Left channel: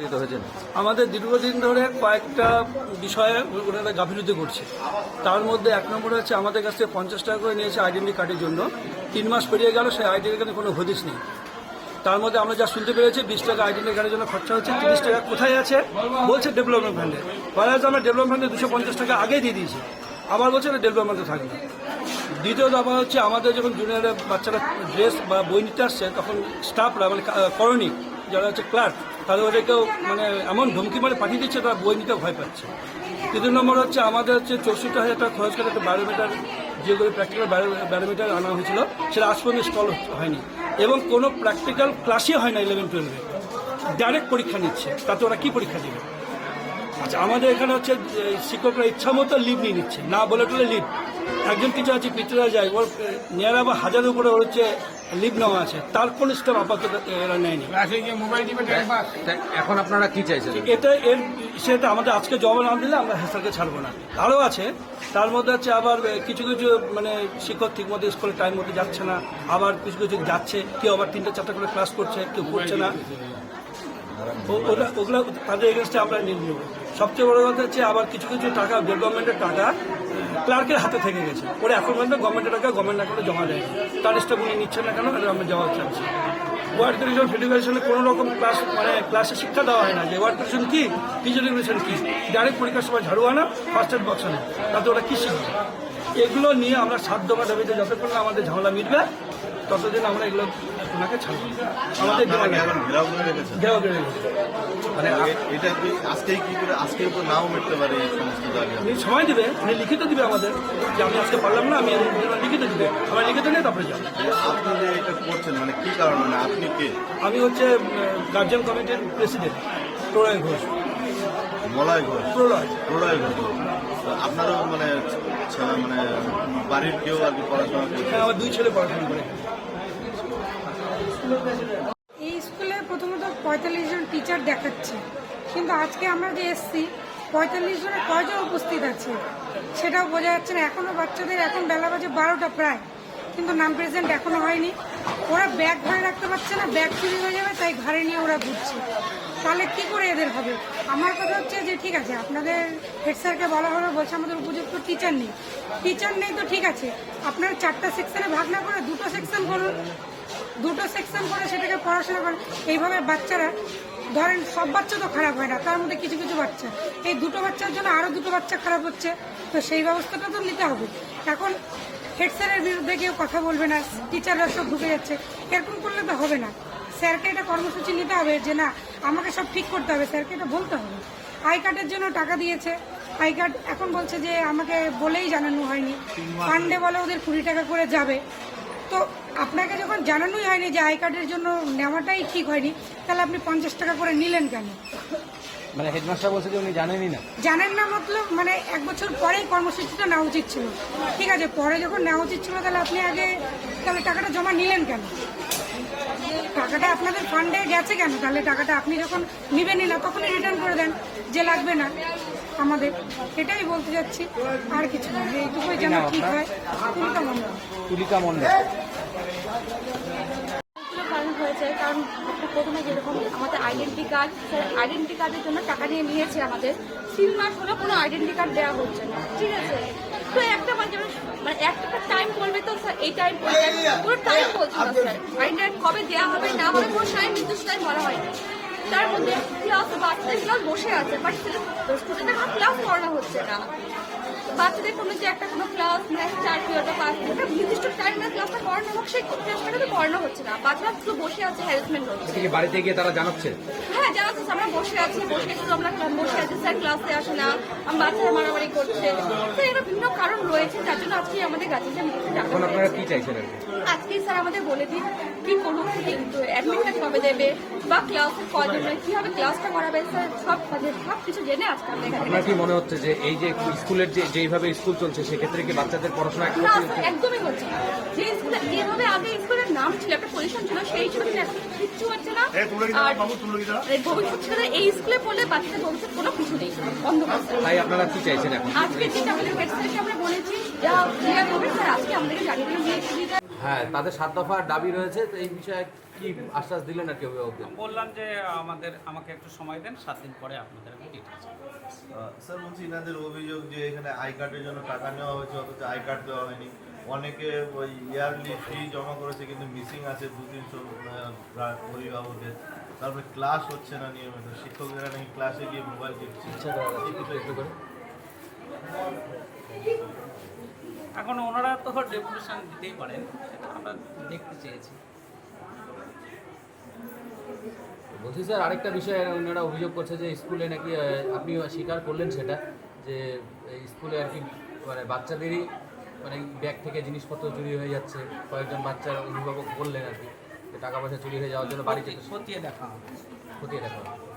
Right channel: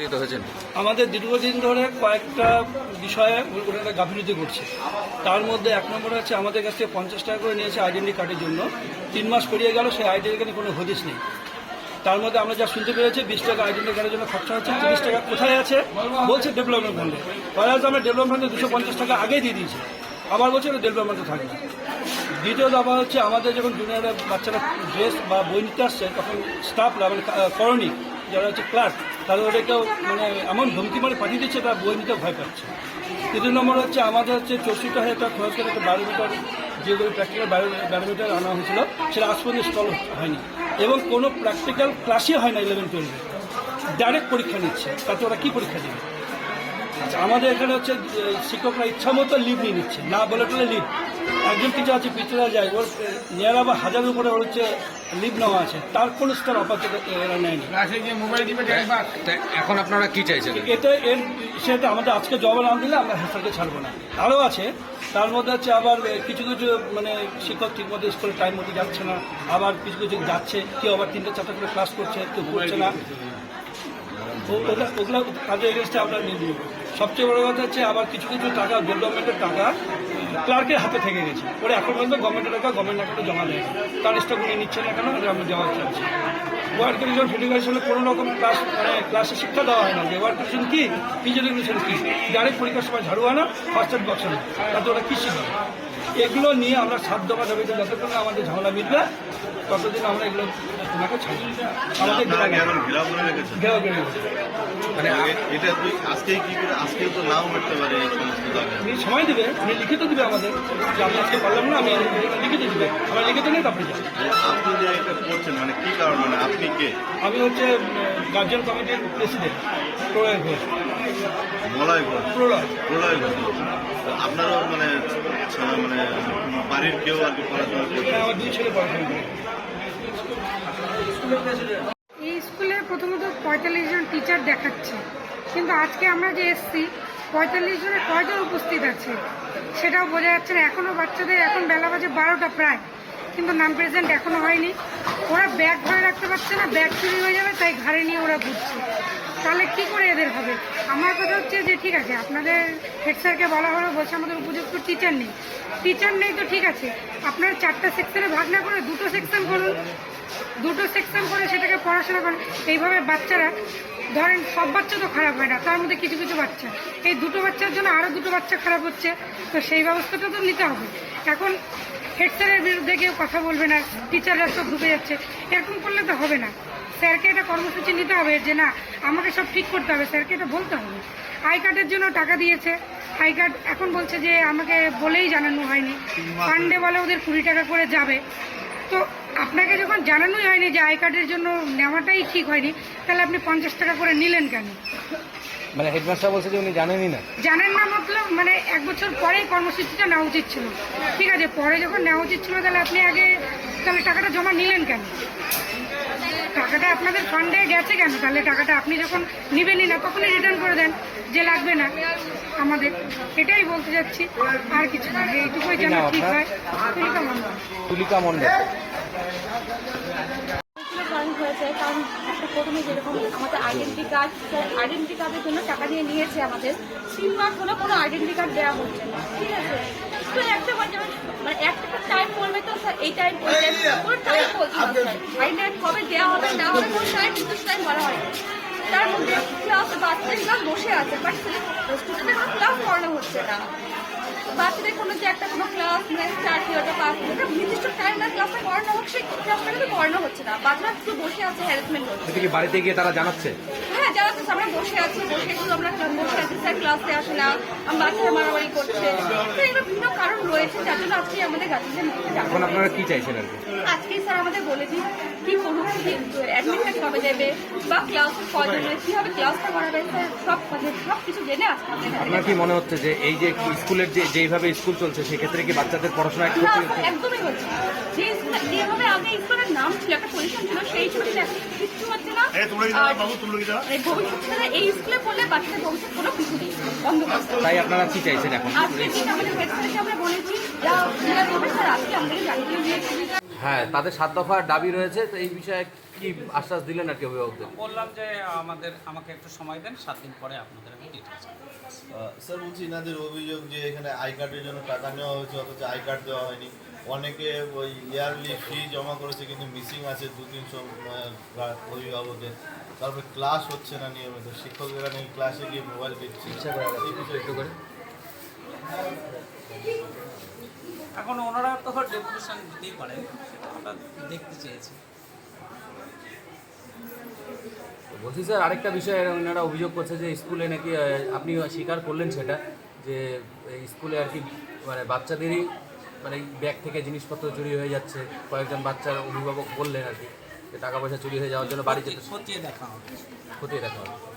একত্রিত হয়েছেন? আমাদের দীর্ঘদিন ধরে কয়েকটা বিষয়ে ওনারা গাফিলতি করছে। তার মধ্যে এক নম্বর হচ্ছে আমাদের কাছ থেকে 50 টাকা করে নিয়েছে আইডেন্টি কার্ডের জন্য। 3 মাস পেরিয়ে গেল, সেই আইডেন্টি কার্ডে কোনো হদিশ নেই। তার মধ্যে আমরা যা শুনতে পেরেছি 20 টাকা আইডেন্টি কার্ডের জন্য খরচা হচ্ছে, 30 টাকা কোথায় আছে বলছে ডেভেলপমেন্ট ফান্ডে। পরে আমরা ডেভেলপমেন্টে 250 টাকা আগেই দিয়ে দিয়েছি, আবার বলছে না ডেভেলপমেন্টে থাকবে। দ্বিতীয় দফা হচ্ছে আমাদের যখন জুনিয়রের বাচ্চারা ড্রেস বা বই নিতে আসছে তখন স্টাফরা মানে করণী যারা হচ্ছে ক্লার্ক তারা ওদেরকেও মানে এমন ধমকি মানে পাঠিয়ে দিচ্ছে তারা বই নিতেও ভয় পাচ্ছে। তৃতীয় নম্বর হচ্ছে আমাদের হচ্ছে 64,000 টাকা খরচ করে একটা বায়োমিটার যে প্র্যাকটিক্যাল বায়োমিটার আনা হয়েছিল সেটা আজ পর্যন্ত ইনস্টল হয়নি এবং কোনো প্র্যাকটিক্যাল ক্লাসই হয় না 11-12-এ। ডাইরেক্ট পরীক্ষা নিচ্ছে, তাতে ওরা কী পরীক্ষা দেবে? আচ্ছা, আমাদের এখানে হচ্ছে শিক্ষকরা ইচ্ছা মতো লিভ নিয়ে নিচ্ছে, না বলে বলে লিভ। একজন টিচার আছে পিছনে যায়, ওর নেয়ারা বা হাজারের উপরে ওর হচ্ছে লিভ নেওয়া আছে, তার কোনো স্টেপ আপাতত এরা নেয়নি। এখন আপনারা কি চাইছেন? সেটা আমাদের আজকে জব না দিলে আমরা হেফাজতে ছাড়বো না। আরও আছে, তার মধ্যে হচ্ছে আবার কিছু কিছু মানে শিক্ষক ঠিকমতো স্কুলে টাইম মতো যাচ্ছে না, আবার কিছু কিছু যাচ্ছে, কেউ আবার 3-4টা করে ক্লাস করছে, কেউ করছে না। ওগুলো তাদের এগেনস্টে আমরা নিয়ে নিব। সবচেয়ে বড় কথা হচ্ছে আবার কিছু কিছু টাকা ডেভেলপমেন্টের টাকা ক্লার্কের হাতে থেকে গেছে, ওরা এখন পর্যন্ত গভর্নমেন্টের টাকা গভর্নমেন্ট অ্যাকাউন্টে জমা দেয় না। তার স্টক উনি নিচ্ছেন না কেন, আমরা জমা চাচ্ছি। ওয়ার্ড কন্ডিশন ফেডারেশনে কোনো রকম ক্লাসে শিক্ষা দেওয়া হয় না যে ওয়ার্ড কন্ডিশন কী, টিচার রেগুলেশন কী। ডাইরেক্ট পরীক্ষার সময় ঝাড়ু আনা, ফার্স্ট এড বক্স আনা, তাতে ওরা কী শিখবে? এগুলো নিয়ে আমরা 7 দফা দাবিতে যতক্ষণ আমাদের ঝামেলা মিটবে ততদিন আমরা এগুলো ওনাকে ছাড়ব। আমাদের দেওয়া বেড়ে গেছে। উনি সময় দেবে, উনি লিখিত দিবে আমাদের যে আমি আজকে পারলাম না, আমি লিখিত দিবে, আমার লিখিত নেই তারপরে যাবে। আমি হচ্ছে গার্জিয়ান কমিটির প্রেসিডেন্ট প্রলয় ঘোষ। আমার 2 ছেলে পড়াশোনা করে। এই স্কুলে প্রথমত 45 জন টিচার দেখাচ্ছে, কিন্তু আজকে আমরা যে এসছি 45 জনের কয়জন উপস্থিত আছে সেটাও বোঝা যাচ্ছে না। এখনো বাচ্চাদের এখন বেলা বাজে 12টা প্রায়, কিন্তু নাম প্রেজেন্ট এখনো হয়নি। ওরা ব্যাগ ধরে রাখতে পারছে না, ব্যাগ চুরি হয়ে যাবে তাই ঘাড়ে নিয়ে ওরা ঘুরছে। তাহলে কি করে এদের হবে? আমার কথা হচ্ছে যে ঠিক আছে, আপনাদের হেড স্যারকে বলা হলো, বলছে আমাদের উপযুক্ত টিচার নেই। টিচার নেই তো ঠিক আছে, আপনারা 4টা সেকশনে ভাগ না করে 2টো সেকশন করুন, 2টো সেকশন করে সেটাকে পড়াশোনা করেন। এইভাবে বাচ্চারা ধরেন সব বাচ্চা তো খারাপ হয় না, তার মধ্যে কিছু কিছু বাচ্চা, এই 2টো বাচ্চার জন্য আরও 2টো বাচ্চা খারাপ হচ্ছে, তো সেই ব্যবস্থাটা তো নিতে হবে। এখন হেড স্যারের বিরুদ্ধে কেউ কথা বলবে না, টিচাররা সব ঢুকে যাচ্ছে, এরকম করলে তো হবে না। স্যারকে এটা কর্মসূচি নিতে হবে যে না আমাকে সব ঠিক করতে হবে, স্যারকে এটা বলতে হবে। আই কার্ডের জন্য টাকা দিয়েছে, আই কার্ড এখন বলছে যে আমাকে বলেই জানানো হয়নি, ফান্ডে বলে ওদের 20 টাকা করে যাবে। তো আপনাকে যখন জানানোই হয়নি যে আই কার্ডের জন্য নেওয়াটাই ঠিক হয়নি, তাহলে আপনি 50 টাকা করে নিলেন কেন? মানে হেডমাস্টার বলছে যে উনি জানেনই না। জানেন না মতলব মানে 1 বছর পরে কর্মসূচিটা নেওয়া উচিত ছিল। ঠিক আছে, পরে যখন নেওয়া উচিত ছিল তাহলে আপনি আগে তাহলে টাকাটা জমা নিলেন কেন? টাকাটা আপনাদের ফান্ডে গেছে কেন? তাহলে টাকাটা আপনি যখন নিবেনই না তখনই রিটার্ন করে দেন যে লাগবে না আমাদের। এটাই বলতে যাচ্ছি, আর কিছু না, এইটুকুই যেন ঠিক হয়। তুলিকা মণ্ডল হয়েছে কারণ প্রথমে যেরকম আমাদের আইডেন্টি কার্ডের জন্য টাকা নিয়েছে, আমাদের 3 মাস হলে কোনো আইডেন্টি কার্ড দেওয়া হচ্ছে না। ঠিক আছে, তো একটা মানে একটা টাইম বলবে তো স্যার এই টাইম কোনো টাইম বলছে আইডেন্টি কবে দেওয়া হবে না হবে কোনো টাইম নির্দিষ্ট টাইম বলা হয়। তার মধ্যে ক্লাস বাচ্চাদের বসে আছে, বাট স্টুডেন্টের কোনো ক্লাস করানো হচ্ছে না। বাচ্চাদের কোনো যে একটা কোনো ক্লাস মানে 4 পিরিয়ডের ক্লাস নির্দিষ্ট টাইম না ক্লাসটা করানো হোক, সেই ক্লাসটা তো করানো হচ্ছে না। বাচ্চারা শুধু বসে আছে, হ্যারাসমেন্ট হচ্ছে। বাড়িতে গিয়ে তারা জানাচ্ছে? হ্যাঁ জানাচ্ছে, আমরা বসে আছি, আমরা বসে আছি, স্যার ক্লাসে আসে না, বাচ্চারা মারামারি করছে। তো এর বিভিন্ন কারণ রয়েছে, যার জন্য আজকে আমাদের গার্জেনদের নিতে যাবো। আপনারা কি চাইছেন? আজকে স্যার আমাদের বলে দিন কি করুক, অ্যাডমিশন কবে দেবে বা ক্লাসের কয়জন কিভাবে ক্লাসটা করাবে, স্যার সব কিছু জেনে আসতে হবে। আপনার কি মনে হচ্ছে যে এই যে স্কুলের যেইভাবে স্কুল চলছে সেক্ষেত্রে কি বাচ্চাদের পড়াশোনা একদমই হচ্ছে না? যেভাবে আগে স্কুলের নাম ছিল, একটা পজিশন ছিল, সেই ছবি কিচ্ছু হচ্ছে না। ভবিষ্যৎ ছিল এই স্কুলে পড়লে বাচ্চাদের ভবিষ্যৎ কোনো কিছু নেই, অন্ধকার। তাই আপনারা কি চাইছেন এখন? আজকে আমাদের হেড স্যারের সামনে বলেছি যা আজকে আমাদের জানিয়ে দিয়েছি। হ্যাঁ, তাদের 7 দফা দাবি রয়েছে, তো এই বিষয়ে কি আশ্বাস দিলেন আর কি অভিভাবকদের? বললাম যে আমাকে একটু সময় দেন, 7 দিন পরে আপনাদের আমি ডিটেলস। স্যার বলছি এনাদের অভিযোগ যে এখানে আই কার্ডের জন্য টাকা নেওয়া হয়েছে অথচ আই কার্ড দেওয়া হয়নি। অনেকে ওই ইয়ারলি ফি জমা করেছে কিন্তু মিসিং আছে 2-300 অভিভাবকের। তারপরে ক্লাস হচ্ছে না নিয়মিত, শিক্ষকেরা নাকি ক্লাসে গিয়ে মোবাইল দেখছে। এই বিষয়ে একটু করে এখন ওনারা তো ডেপুটেশন দিতেই পারেন, সেটা আমরা দেখতে চেয়েছি। বলছি স্যার, আরেকটা বিষয় ওনারা অভিযোগ করছে যে স্কুলে নাকি আপনি স্বীকার করলেন সেটা, যে এই স্কুলে আর কি মানে বাচ্চাদেরই মানে ব্যাগ থেকে জিনিসপত্র চুরি হয়ে যাচ্ছে। কয়েকজন বাচ্চার অভিভাবক বললেন আর কি যে টাকা পয়সা চুরি হয়ে যাওয়ার জন্য বাড়িতে খতিয়ে দেখা হবে। খতিয়ে দেখা হবে।